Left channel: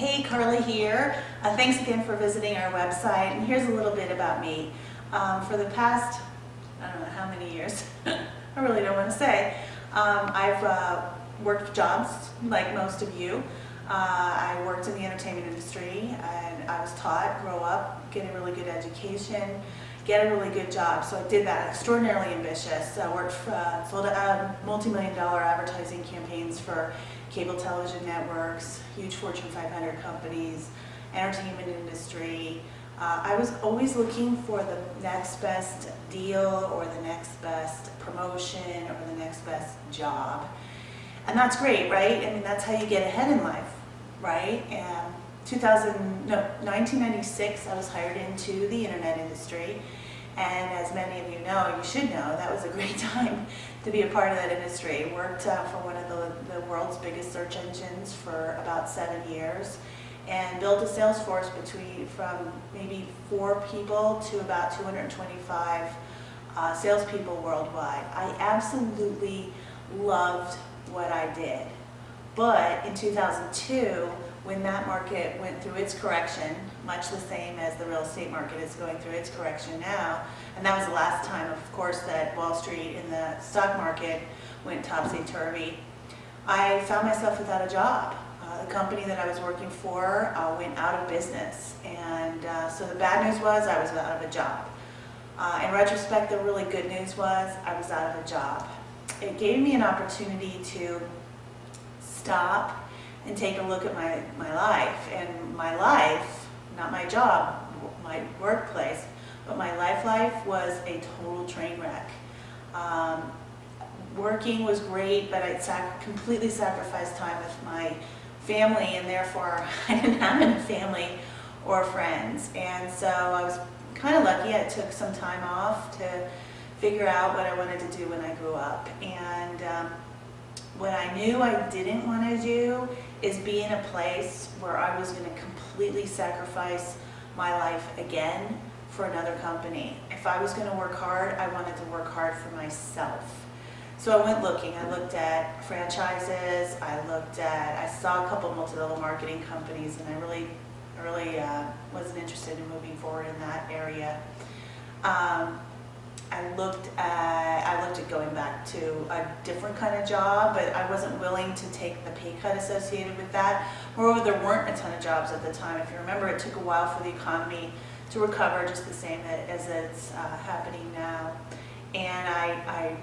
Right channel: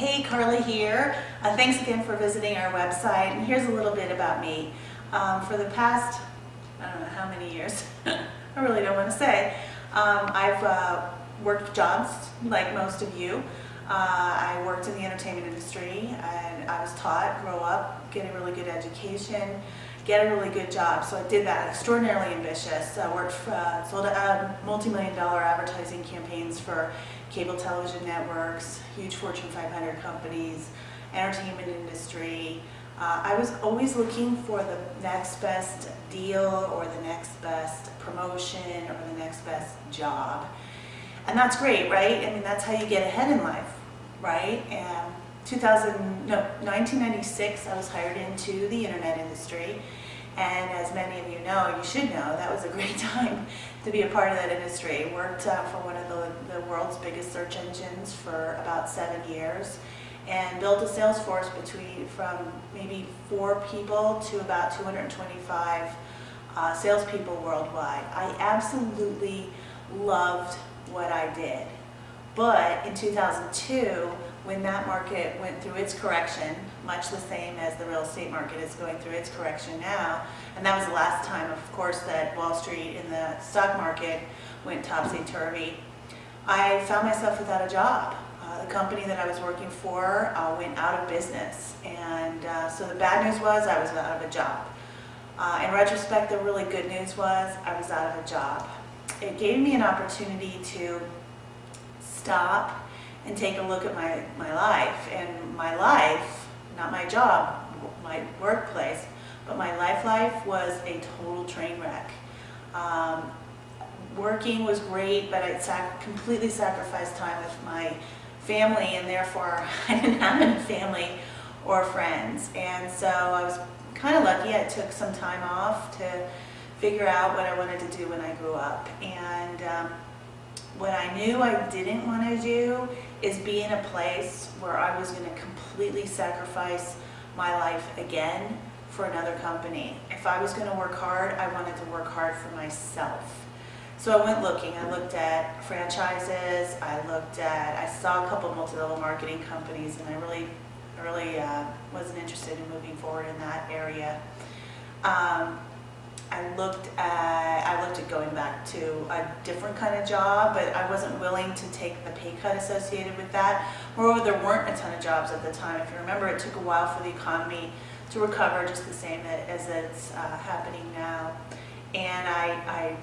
Hey, Karla here. Thanks again for visiting our website. And here's a little bit about me. For the past, I don't know how many years, I really don't want to say, I've worked jobs like most of you. I worked in the entertainment industry and I was taught, grow up, get a really good education, get a really good job. So I did that, extraordinarily ambitious. I worked for, sold multi-million-dollar advertising campaigns for cable television networks, huge Fortune 500 companies, entertainment industry. I was always looking for the next best deal or the next best promotion or the next best job. And that's great, right? I mean, that's how you get ahead in life, right? And 1996, I was hired into the internet industry. And as many of you know, you should know, that was a great time to be a part of that industry. Worked for one of the world's biggest search engines for about 7 years and built a sales force from maybe 4 people to about 225 salespeople worldwide. I absolutely loved what I did. But in 2002, when that market went through its correction, much the same as the real estate market is going through its correction now, and that was the last time, of course, that Wall Street and the stock market went topsy-turvy, I found myself without a job. The company that I was working for went out of business, and so the bad news was I was out of a job. In retrospect, the really good news was I was out of a job. It gave me an opportunity to stop and take a look at my life. And my life, not my job, my workplace, but my life was a total train wreck. Working was great, but I'd completely sacrificed time with my family, and therefore I didn't have any family or friends. And so I was kind of lucky. I took some time off to figure out what I wanted to do when I grew up. And what I knew I didn't want to do is be in a place where I was going to completely sacrifice my life again for another company. If I was going to work hard, I wanted to work hard for myself. So I went looking. I looked at franchises. I saw a couple multi-level marketing companies, and I really wasn't interested in moving forward in that area. I looked at going back to a different kind of job, but I wasn't willing to take the pay cut associated with that. Moreover, there weren't a ton of jobs at the time. If you remember, it took a while for the economy to recover, just the same as it's happening now. And I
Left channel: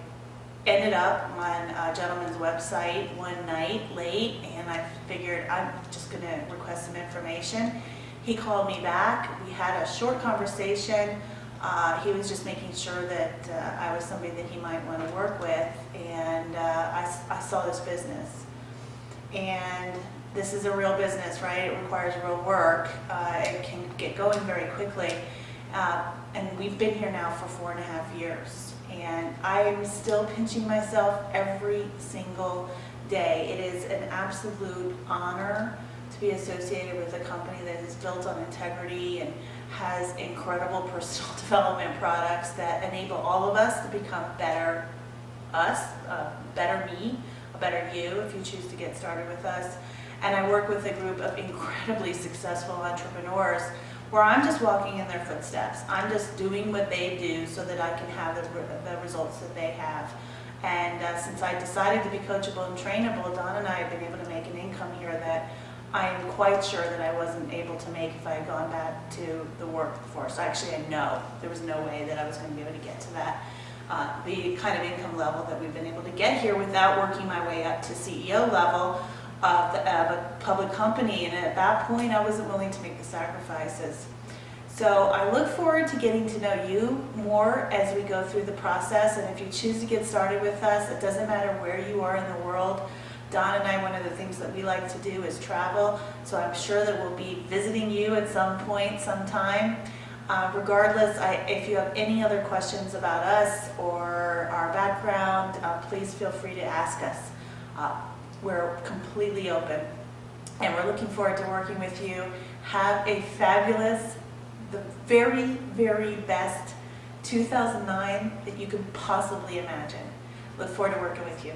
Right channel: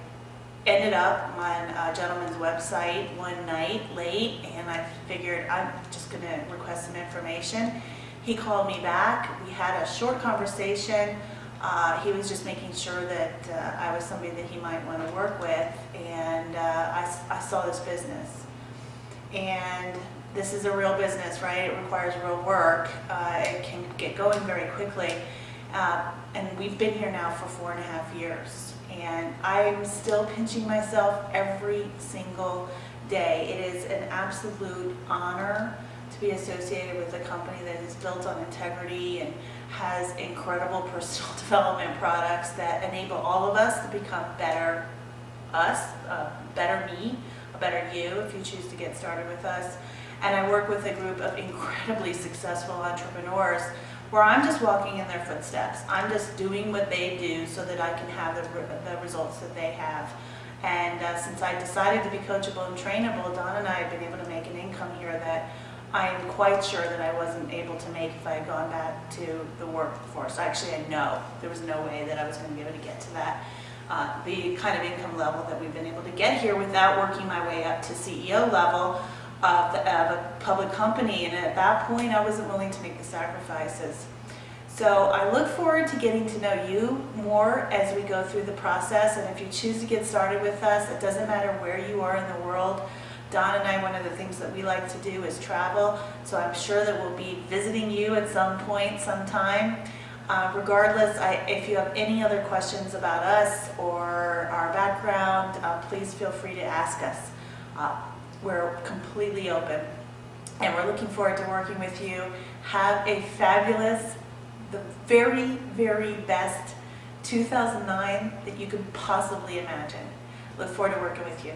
ended up on a gentleman's website one night late, and I figured I'm just going to request some information. He called me back. We had a short conversation. He was just making sure that I was somebody that he might want to work with, and I saw this business. And this is a real business, right? It requires real work. It can get going very quickly. And we've been here now for 4.5 years. And I'm still pinching myself every single day. It is an absolute honor to be associated with a company that is built on integrity and has incredible personal development products that enable all of us to become better us, better me, a better you if you choose to get started with us. And I work with a group of incredibly successful entrepreneurs where I'm just walking in their footsteps. I'm just doing what they do so that I can have the results that they have. And since I decided to be coachable and trainable, Don and I have been able to make an income here that I am quite sure that I wasn't able to make if I had gone back to the workforce. Actually, I know there was no way that I was going to be able to get to that, the kind of income level that we've been able to get here without working my way up to CEO level of a public company. And at that point, I wasn't willing to make the sacrifices. So I look forward to getting to know you more as we go through the process. And if you choose to get started with us, it doesn't matter where you are in the world. Don and I, one of the things that we like to do is travel, so I'm sure that we'll be visiting you at some point, sometime. Regardless, if you have any other questions about us or our background, please feel free to ask us. We're completely open, and we're looking forward to working with you. Have a fabulous, the very, very best 2009 that you could possibly imagine. Look forward to working with you.